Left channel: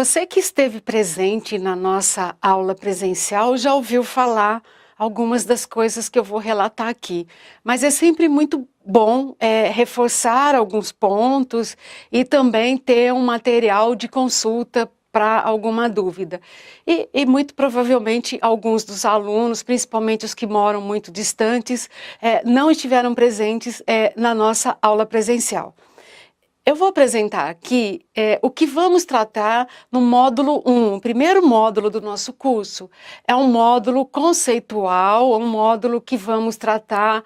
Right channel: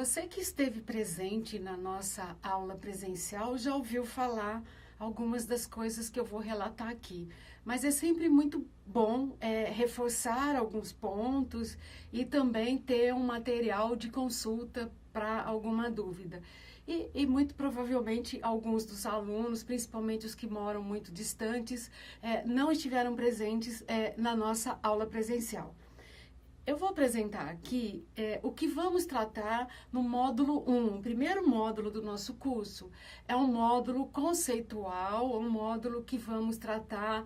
Você que esteve presente na nossa aula presencial já ouviu falar algumas das coisas que eu vou relatar aqui, mas é sempre muito bom reforçar alguns pontos e também ter um material de consulta para alguma dúvida. E muito provavelmente alguns dos alunos, principalmente os que moram muito distantes, não estiveram presentes na nossa aula presencial. Eu vou apresentar aqui o que vamos tratar no módulo 1, o primeiro módulo do nosso curso. É um módulo conceitual, um módulo que vamos tratar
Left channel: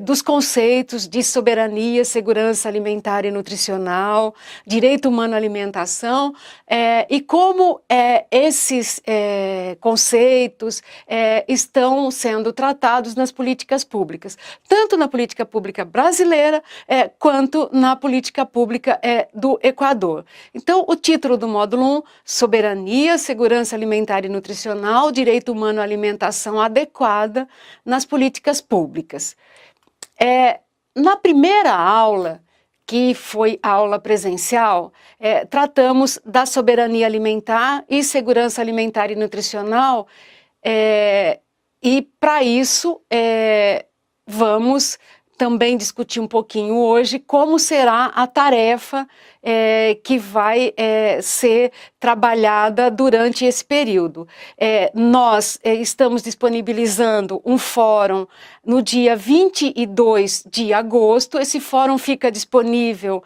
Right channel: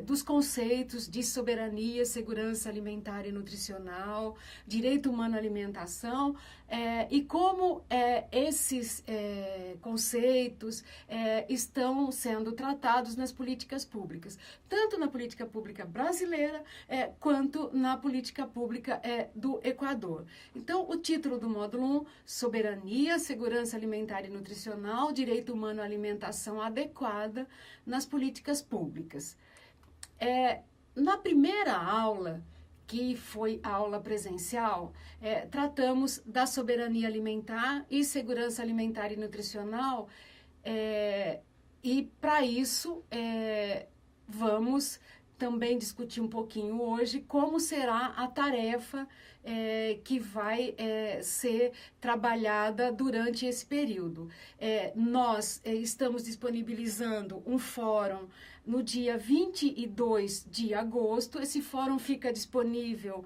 dos conceitos de soberania, segurança alimentar e nutricional, direito humano à alimentação, e como esses conceitos estão sendo tratados nas políticas públicas, tanto na política pública brasileira quanto na política pública do Equador. Então, o título do módulo 1, Soberania, Segurança Alimentar e Nutricional, Direito Humano à Alimentação Adequada nas Políticas Públicas. Na primeira aula, que foi a aula presencial, tratamos da soberania alimentar e segurança alimentar e nutricional, e para isso vamos também discutir um pouquinho hoje como será a tarefa que vai ser trabalhada durante esse período. Nós estamos disponibilizando um fórum no dia 22 de agosto, esse fórum fica disponível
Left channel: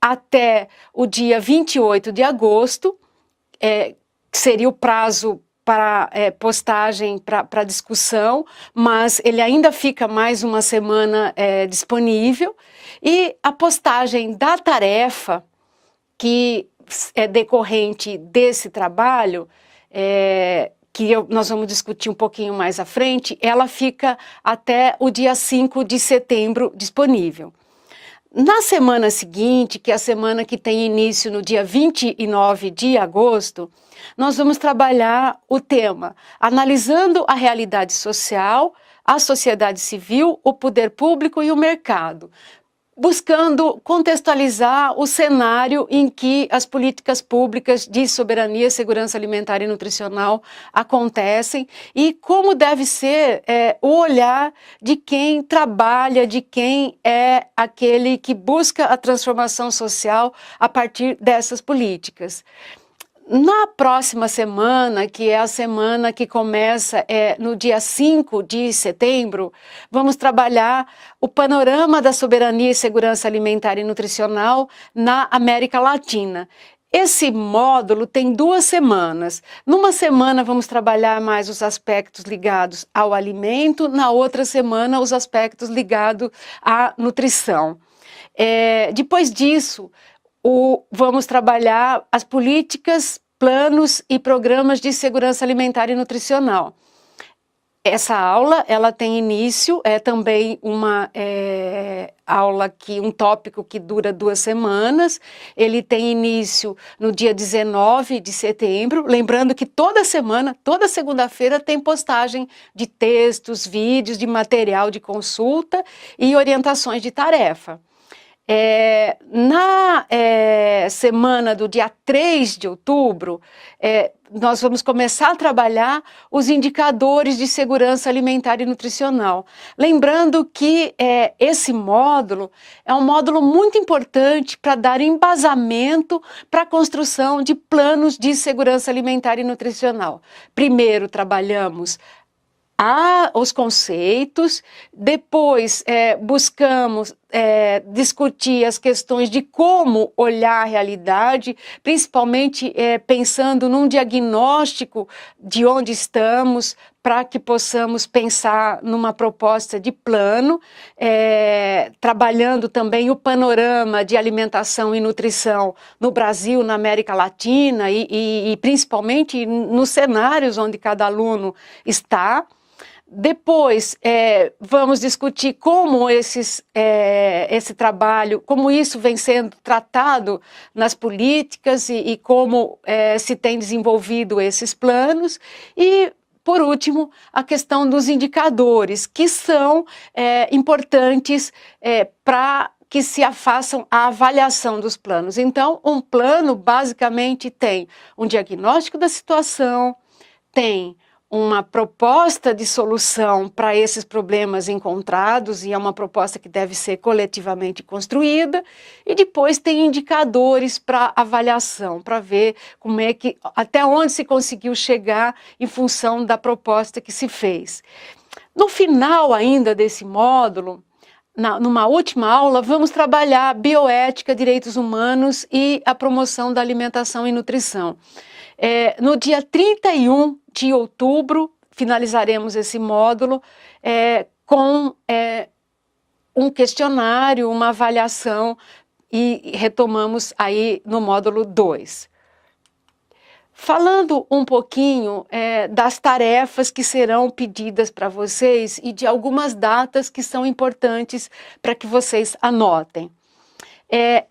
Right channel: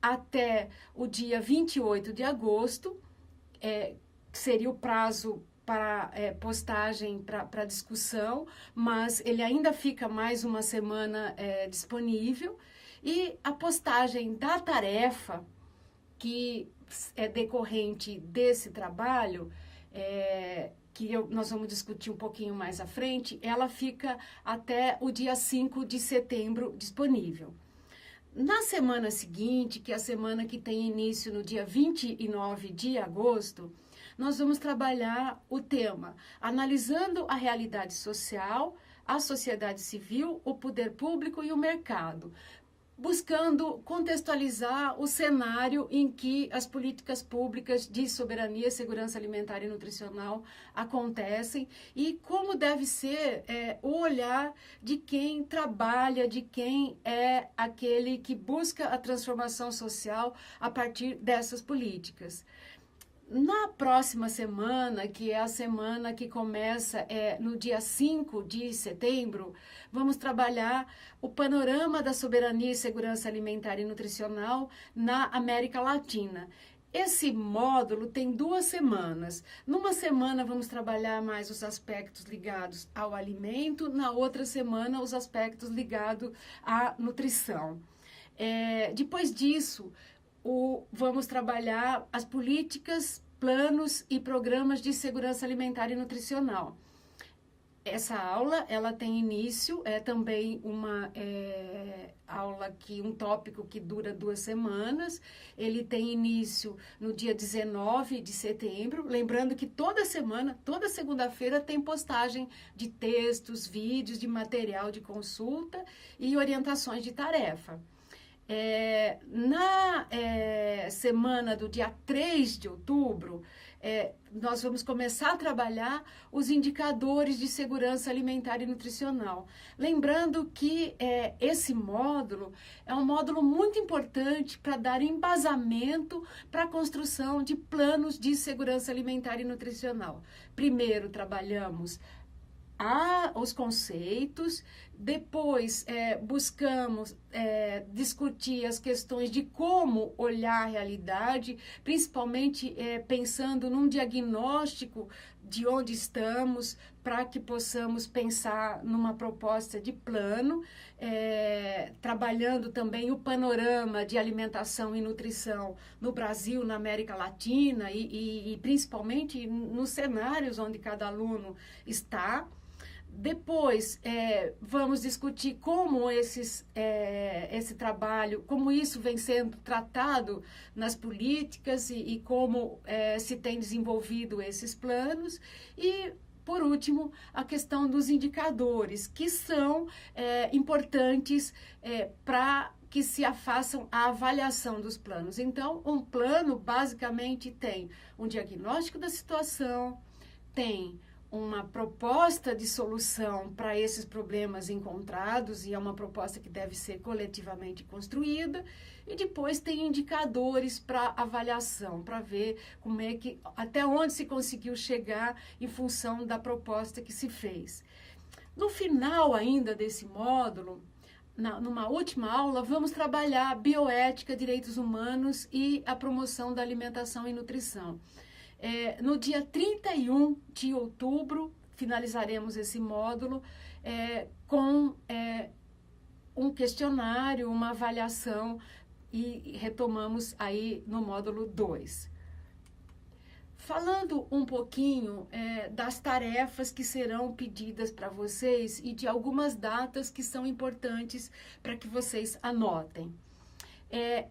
até o dia 28 de agosto, que seria o prazo para postagem, para discussão, mas ele ainda fica mais uma semana disponível. E a postagem da tarefa, que é decorrente desse trabalho, nós vamos discutir um pouquinho mais à frente, ela fica até o dia 5 de setembro disponível. Na semana seguinte, que é a semana que tem início no dia 29 de agosto, nós vamos trabalhar o tema analisando a realidade social, a sociedade civil, o poder público e o mercado, buscando contextualizar o cenário em que as políticas públicas de soberania, segurança alimentar e nutricional acontecem e como deve ser o olhar de quem trabalha, de quem é aquele que busca a transformação social a partir dessas políticas. Na próxima semana, que é a semana que começa no dia 5 de setembro, vamos trabalhar o panorama da soberania e segurança alimentar e nutricional na América Latina. Esse módulo tem 2 semanas. Numa semana vamos trabalhar mais os aspectos ligados ao alimento, na outra semana os aspectos ligados à nutrição. Depois disso, vamos trabalhar as políticas, planos e programas de segurança alimentar e nutricional. Essa aula, ela tem início, também uma aula um tópico que dura 2 semanas. Ele tem início no dia 19 de setembro, lembrando que toda semana, toda segunda-feira tem postagem de textos, vídeos, de material de consulta e orientações de tarefa. Na semana do dia 3 de outubro, nós vamos começar a trabalhar os indicadores de segurança alimentar e nutricional. Lembrando que esse módulo é um módulo muito importante para dar embasamento para a construção de planos de segurança alimentar e nutricional. Primeiro trabalhamos os conceitos, depois buscamos discutir as questões de como olhar a realidade, principalmente pensando num diagnóstico de onde estamos, para que possamos pensar numa proposta de plano, trabalhando também o panorama de alimentação e nutrição no Brasil, na América Latina e principalmente nos cenários onde cada aluno está. Depois, vamos discutir como esse trabalho, como isso vem sendo tratado nas políticas e como se tem desenvolvido esses planos. E, por último, a questão dos indicadores, que são importantes para que se façam a avaliação dos planos. Então, um plano basicamente tem um diagnóstico da situação, tem uma proposta de solução para esses problemas encontrados, e é uma proposta que deve ser coletivamente construída, e depois tem indicadores para avaliação, para ver como é que, até onde se conseguiu chegar em função da proposta que se fez. No final ainda desse módulo, numa última aula, vamos trabalhar bioética, direitos humanos e a promoção da alimentação e nutrição. No dia 31 de outubro, finalizaremos esse módulo com um questionário, uma avaliação, e retomamos aí no módulo 2. Falando um pouquinho das tarefas que serão pedidas para vocês e de algumas datas que são importantes para que vocês anotem.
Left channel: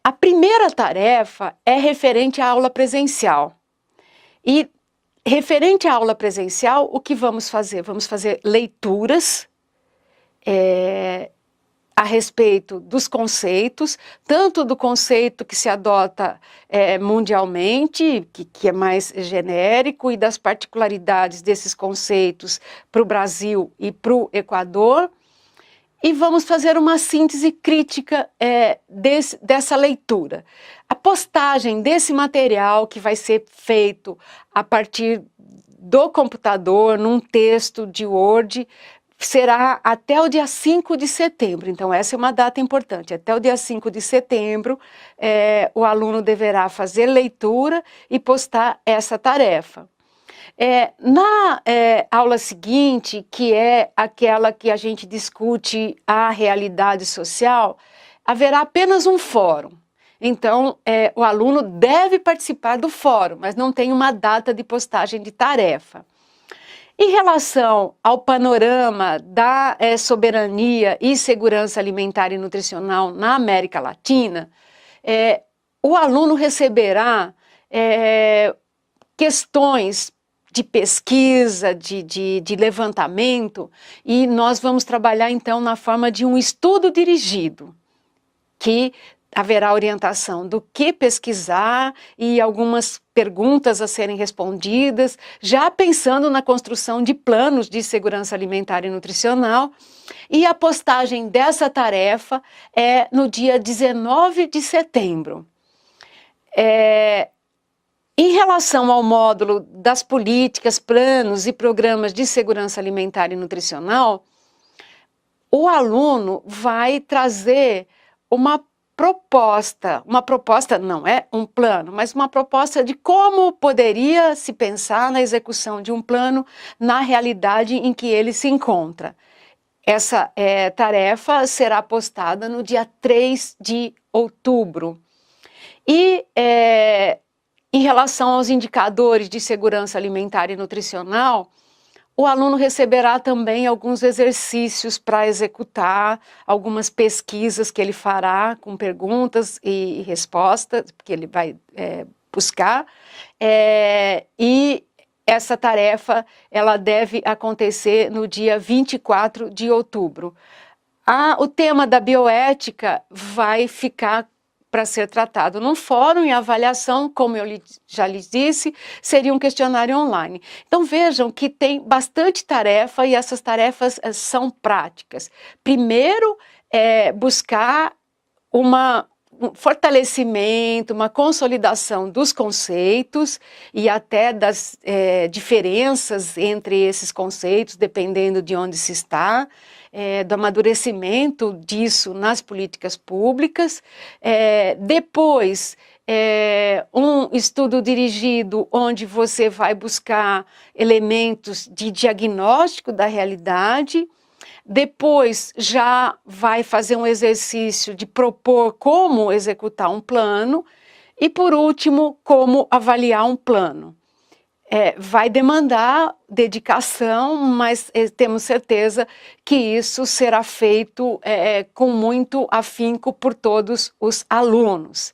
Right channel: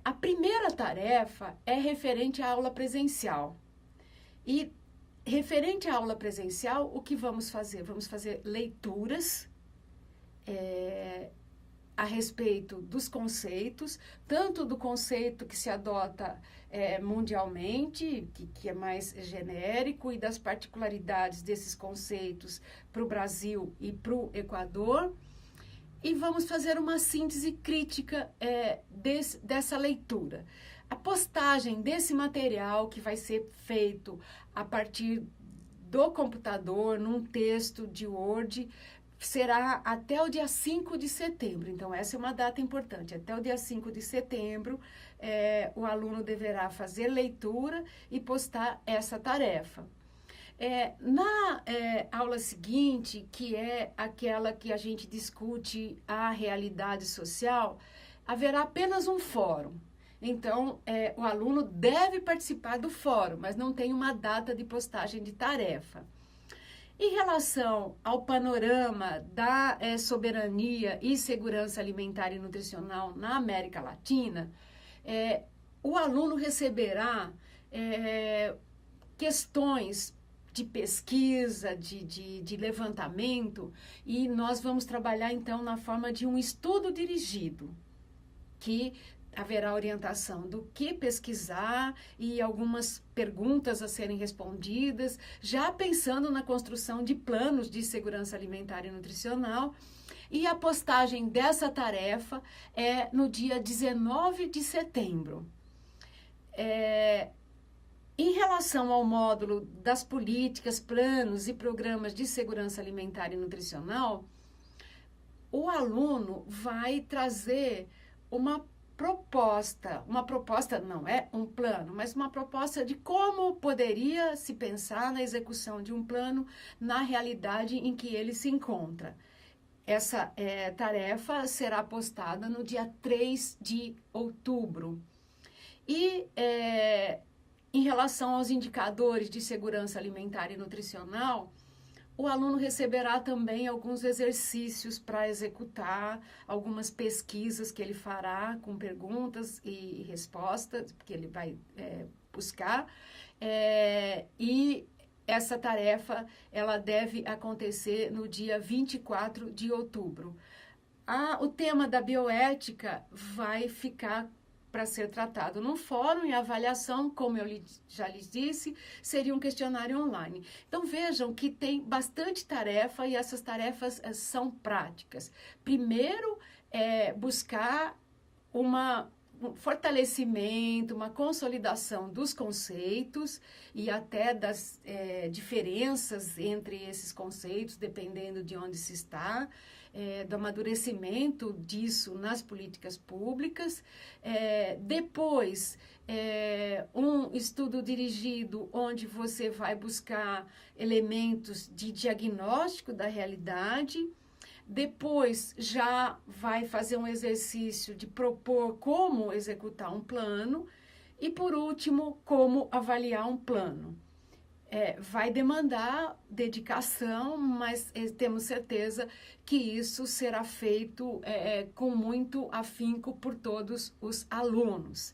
A primeira tarefa é referente à aula presencial. E referente à aula presencial, o que vamos fazer? Vamos fazer leituras a respeito dos conceitos, tanto do conceito que se adota mundialmente, que é mais genérico, e das particularidades desses conceitos para o Brasil e para o Equador, e vamos fazer uma síntese crítica dessa leitura. A postagem desse material, que vai ser feito a partir do computador, num texto de Word, será até o dia 5 de setembro. Então, essa é uma data importante. Até o dia 5 de setembro, o aluno deverá fazer leitura e postar essa tarefa. Na aula seguinte, que é aquela que a gente discute a realidade social, haverá apenas um fórum. Então, o aluno deve participar do fórum, mas não tem uma data de postagem de tarefa. Em relação ao panorama da soberania e segurança alimentar e nutricional na América Latina, o aluno receberá questões de pesquisa, de levantamento, e nós vamos trabalhar, então, na forma de um estudo dirigido, que haverá orientação do que pesquisar e algumas perguntas a serem respondidas, já pensando na construção de planos de segurança alimentar e nutricional. E a postagem dessa tarefa é no dia 19 de setembro. Em relação ao módulo das políticas, planos e programas de segurança alimentar e nutricional, o aluno vai trazer uma proposta não é um plano, mas uma proposta de como poderia se pensar na execução de um plano na realidade em que ele se encontra. Essa tarefa será postada no dia 3 de outubro. E em relação aos indicadores de segurança alimentar e nutricional, o aluno receberá também alguns exercícios para executar, algumas pesquisas que ele fará com perguntas e respostas, que ele vai buscar, e essa tarefa ela deve acontecer no dia 24 de outubro. O tema da bioética vai ficar para ser tratado num fórum, e a avaliação, como eu já lhes disse, seria um questionário online. Então vejam que tem bastante tarefa, e essas tarefas são práticas. Primeiro, buscar um fortalecimento, uma consolidação dos conceitos e até das diferenças entre esses conceitos, dependendo de onde se está. Do amadurecimento disso nas políticas públicas. Depois, um estudo dirigido onde você vai buscar elementos de diagnóstico da realidade. Depois, já vai fazer um exercício de propor como executar um plano. E, por último, como avaliar um plano. Vai demandar dedicação, mas temos certeza que isso será feito com muito afinco por todos os alunos.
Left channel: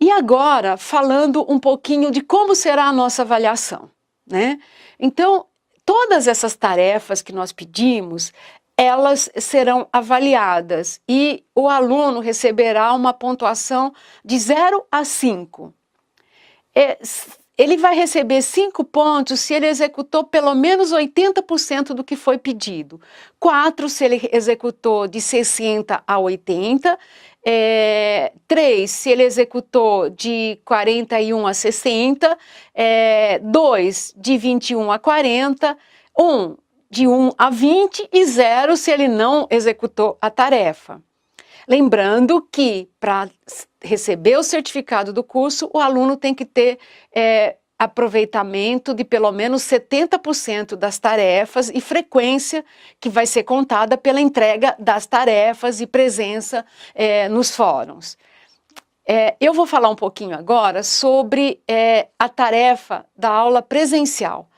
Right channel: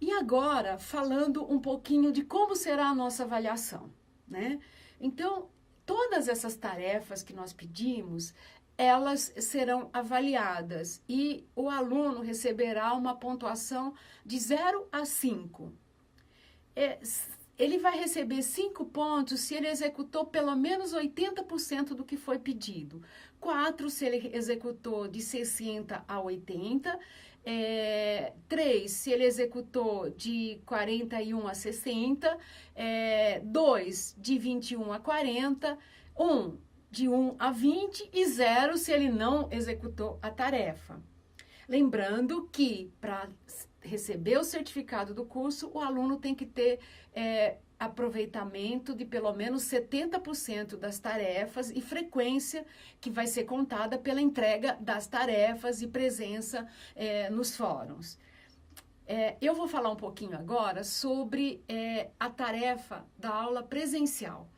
E agora, falando um pouquinho de como será a nossa avaliação, né? Então, todas essas tarefas que nós pedimos, elas serão avaliadas e o aluno receberá uma pontuação de 0 a 5. Ele vai receber 5 pontos se ele executou pelo menos 80% do que foi pedido. 4 se ele executou de 60 a 80. 3 se ele executou de 41 a 60. 2 de 21 a 40. 1 de 1 a 20 e 0 se ele não executou a tarefa. Lembrando que, para receber o certificado do curso, o aluno tem que ter aproveitamento de pelo menos 70% das tarefas e frequência que vai ser contada pela entrega das tarefas e presença nos fóruns. Eu vou falar um pouquinho agora sobre a tarefa da aula presencial,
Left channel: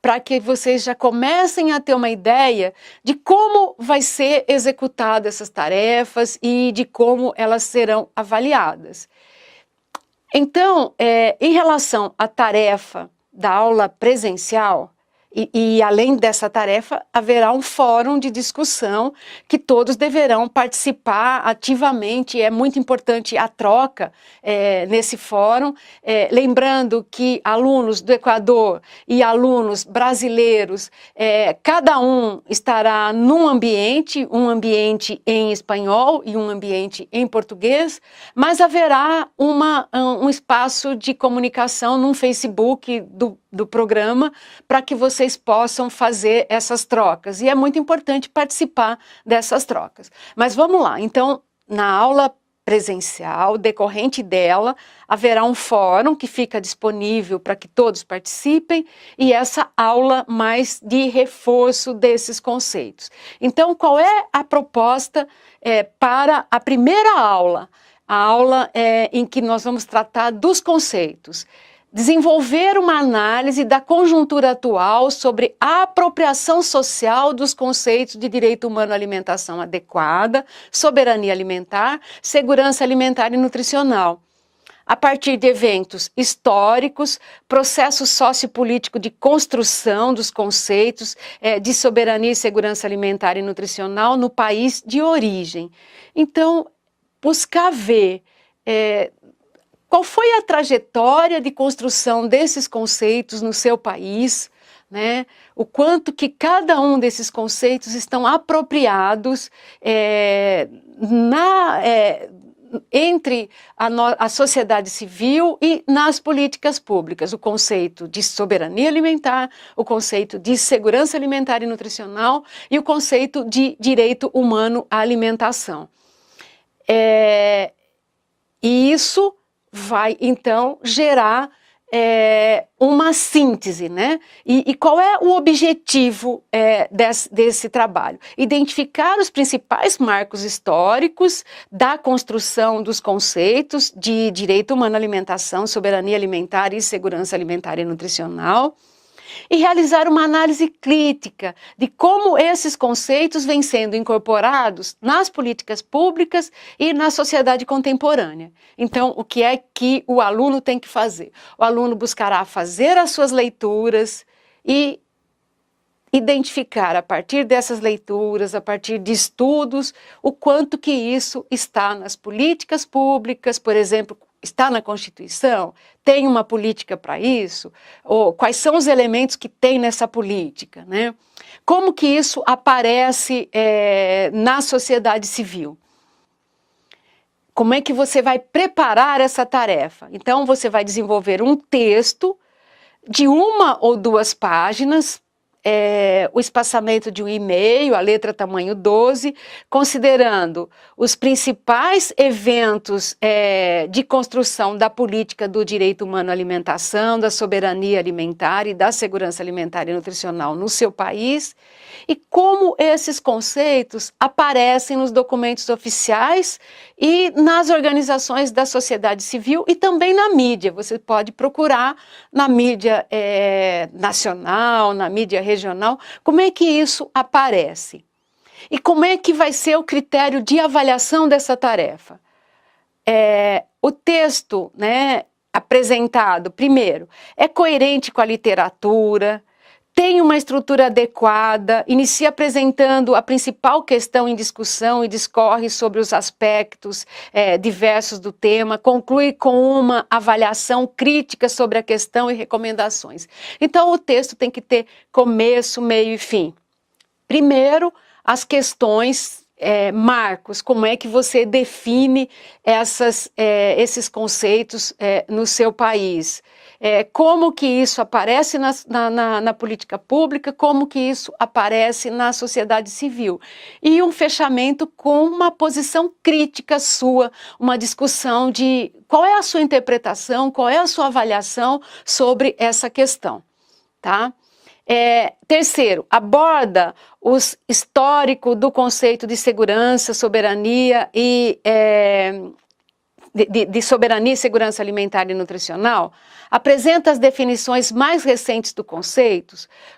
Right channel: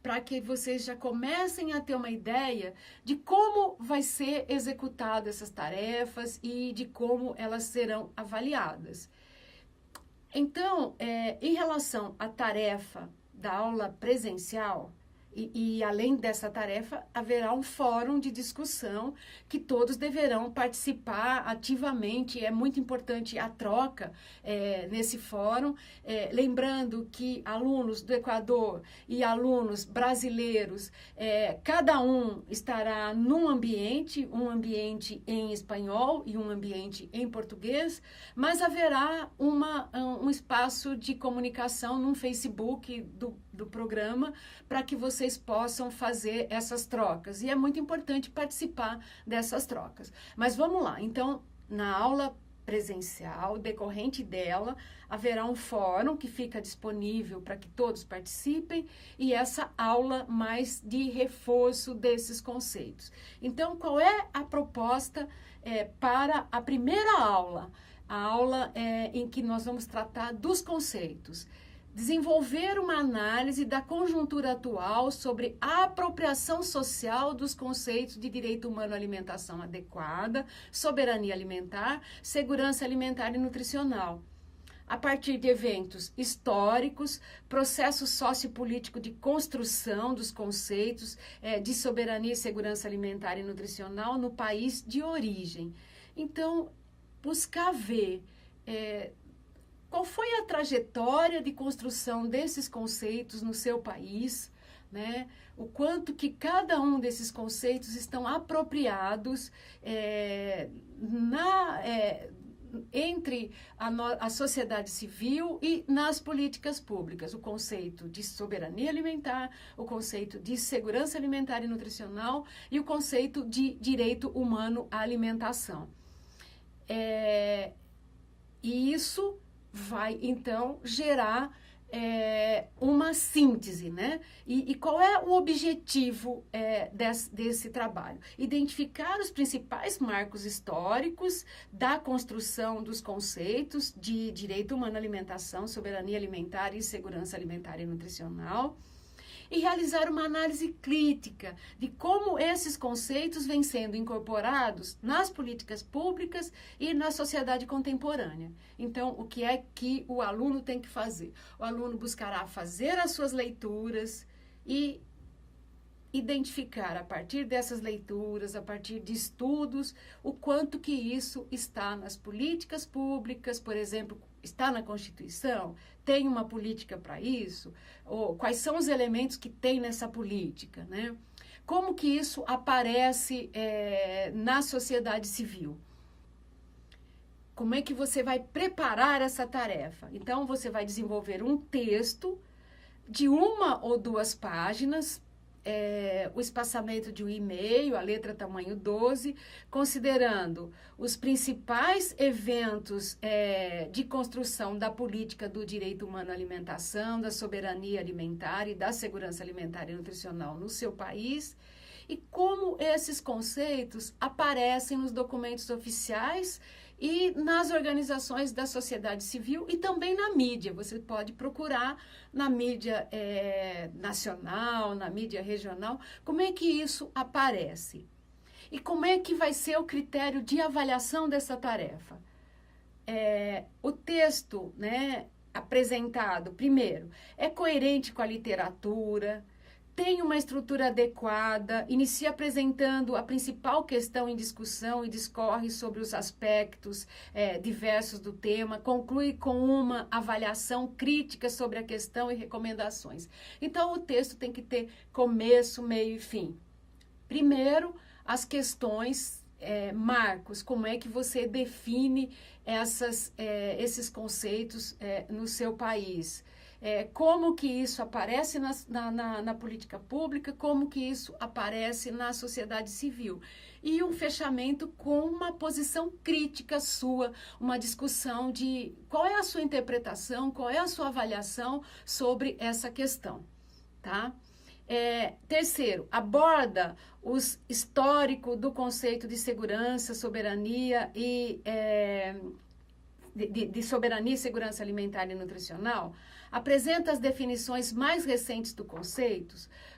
para que vocês já comecem a ter uma ideia de como vai ser executadas essas tarefas e de como elas serão avaliadas. Então, em relação à tarefa da aula presencial, e além dessa tarefa, haverá um fórum de discussão que todos deverão participar ativamente. É muito importante a troca nesse fórum. Lembrando que alunos do Equador e alunos brasileiros, cada um estará num ambiente, um ambiente em espanhol e um ambiente em português, mas haverá um espaço de comunicação no Facebook do programa para que vocês possam fazer essas trocas. E é muito importante participar dessas trocas. Mas vamos lá. Então, na aula presencial, decorrente dela, haverá um fórum que fica disponível para que todos participem e essa aula mais de reforço desses conceitos. Então, qual é a proposta para a primeira aula? A aula em que nós vamos tratar dos conceitos. Desenvolver uma análise da conjuntura atual sobre a apropriação social dos conceitos de direito humano à alimentação adequada, soberania alimentar, segurança alimentar e nutricional, a partir de eventos históricos, processo sociopolítico de construção dos conceitos de soberania e segurança alimentar e nutricional no país de origem. Então, buscar ver qual foi a trajetória de construção desses conceitos no seu país, né? O quanto que cada um desses conceitos estão apropriados entre a sociedade civil e nas políticas públicas. O conceito de soberania alimentar, o conceito de segurança alimentar e nutricional e o conceito de direito humano à alimentação. E isso vai, então, gerar uma síntese, né? E qual é o objetivo desse trabalho? Identificar os principais marcos históricos da construção dos conceitos de direito humano à alimentação, soberania alimentar e segurança alimentar e nutricional, e realizar uma análise crítica de como esses conceitos vêm sendo incorporados nas políticas públicas e na sociedade contemporânea. Então, o que é que o aluno tem que fazer? O aluno buscará fazer as suas leituras e identificar a partir dessas leituras, a partir de estudos, o quanto que isso está nas políticas públicas, por exemplo, está na Constituição? Tem uma política para isso? Ou quais são os elementos que tem nessa política, né? Como que isso aparece na sociedade civil? Como é que você vai preparar essa tarefa? Então, você vai desenvolver um texto de 1 ou 2 páginas, o espaçamento de um e-mail, a letra tamanho 12, considerando os principais eventos de construção da política do direito humano à alimentação, da soberania alimentar e da segurança alimentar e nutricional no seu país, e como esses conceitos aparecem nos documentos oficiais e nas organizações da sociedade civil e também na mídia. Você pode procurar na mídia nacional, na mídia regional, como é que isso aparece. E como é que vai ser o critério de avaliação dessa tarefa? O texto, né, apresentado, primeiro, é coerente com a literatura, tem uma estrutura adequada, inicia apresentando a principal questão em discussão e discorre sobre os aspectos diversos do tema, conclui com uma avaliação crítica sobre a questão e recomendações. Então, o texto tem que ter começo, meio e fim. Primeiro, as questões, marcos, como é que você define esses conceitos no seu país. Como que isso aparece na política pública, como que isso aparece na sociedade civil. E um fechamento com uma posição crítica sua, uma discussão de qual é a sua interpretação, qual é a sua avaliação sobre essa questão, tá? Terceiro, aborda o histórico do conceito de segurança, soberania e de soberania e segurança alimentar e nutricional, apresenta as definições mais recentes do conceito,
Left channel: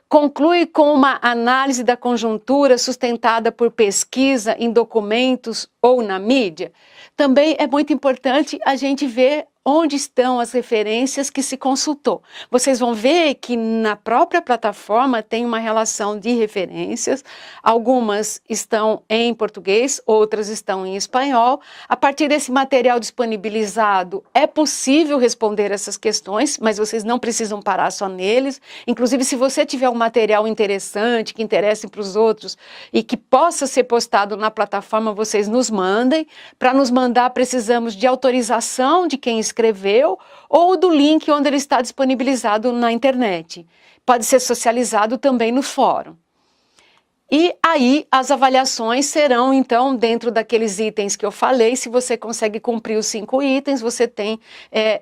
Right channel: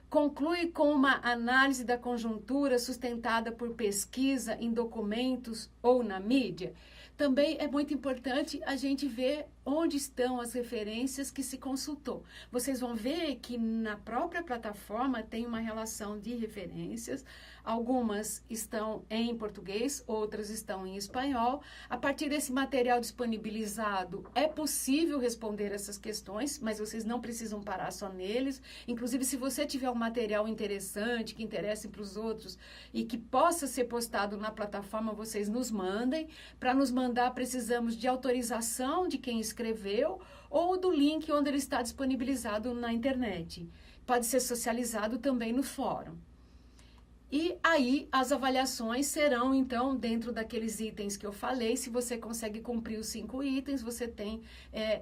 conclui com uma análise da conjuntura sustentada por pesquisa em documentos ou na mídia. Também é muito importante a gente ver onde estão as referências que se consultou. Vocês vão ver que na própria plataforma tem uma relação de referências, algumas estão em português, outras estão em espanhol. A partir desse material disponibilizado, é possível responder essas questões, mas vocês não precisam parar só neles. Inclusive, se você tiver um material interessante, que interesse para os outros e que possa ser postado na plataforma, vocês nos mandem. Para nos mandar, precisamos de autorização de quem escreveu ou do link onde ele está disponibilizado na internet. Pode ser socializado também no fórum. E aí as avaliações serão, então, dentro daqueles itens que eu falei. Se você consegue cumprir os 5 itens, você tem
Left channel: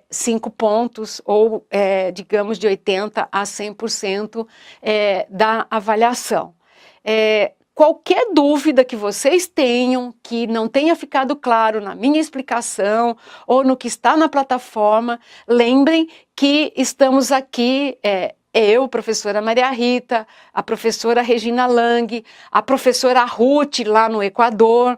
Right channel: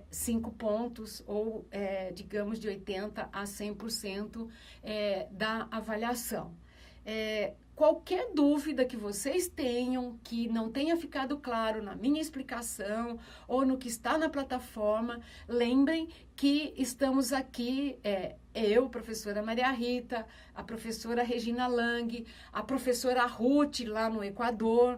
5 pontos, ou digamos de 80% a 100% da avaliação. Qualquer dúvida que vocês tenham, que não tenha ficado claro na minha explicação ou no que está na plataforma, lembrem que estamos aqui, eu, professora Maria Rita, a professora Regina Lang, a professora Ruth lá no Equador.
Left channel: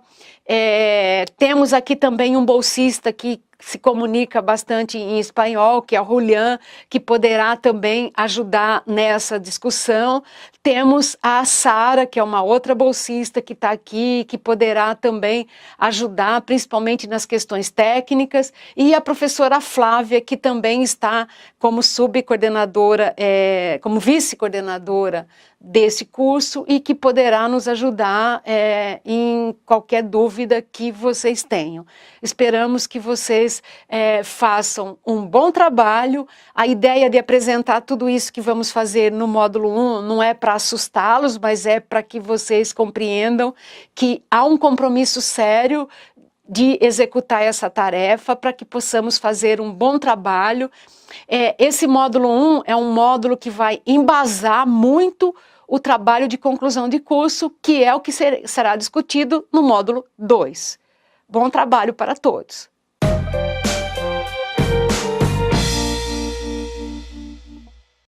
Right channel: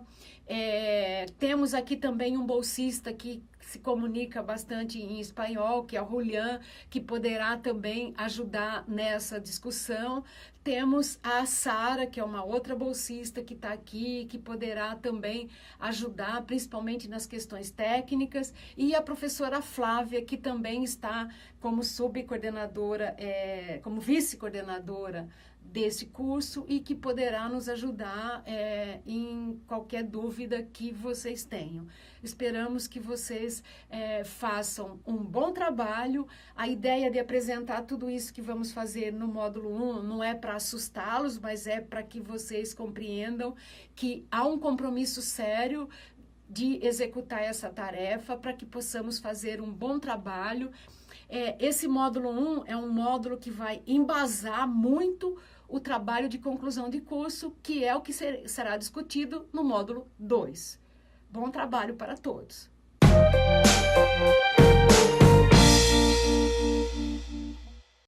Temos aqui também um bolsista que se comunica bastante em espanhol, que é o Julián, que poderá também ajudar nessa discussão. Temos a Sara, que é uma outra bolsista que está aqui, que poderá também ajudar, principalmente nas questões técnicas, e a professora Flávia, que também está como subcoordenadora, como vice-coordenadora desse curso e que poderá nos ajudar em qualquer dúvida que vocês tenham. Esperamos que vocês façam um bom trabalho. A ideia de apresentar tudo isso que vamos fazer no módulo 1 não é para assustá-los, mas é para que vocês compreendam que há um compromisso sério de executar essa tarefa para que possamos fazer um bom trabalho. Esse módulo 1 é um módulo que vai embasar muito o trabalho de conclusão de curso, que é o que será discutido no módulo 2. Bom trabalho para todos!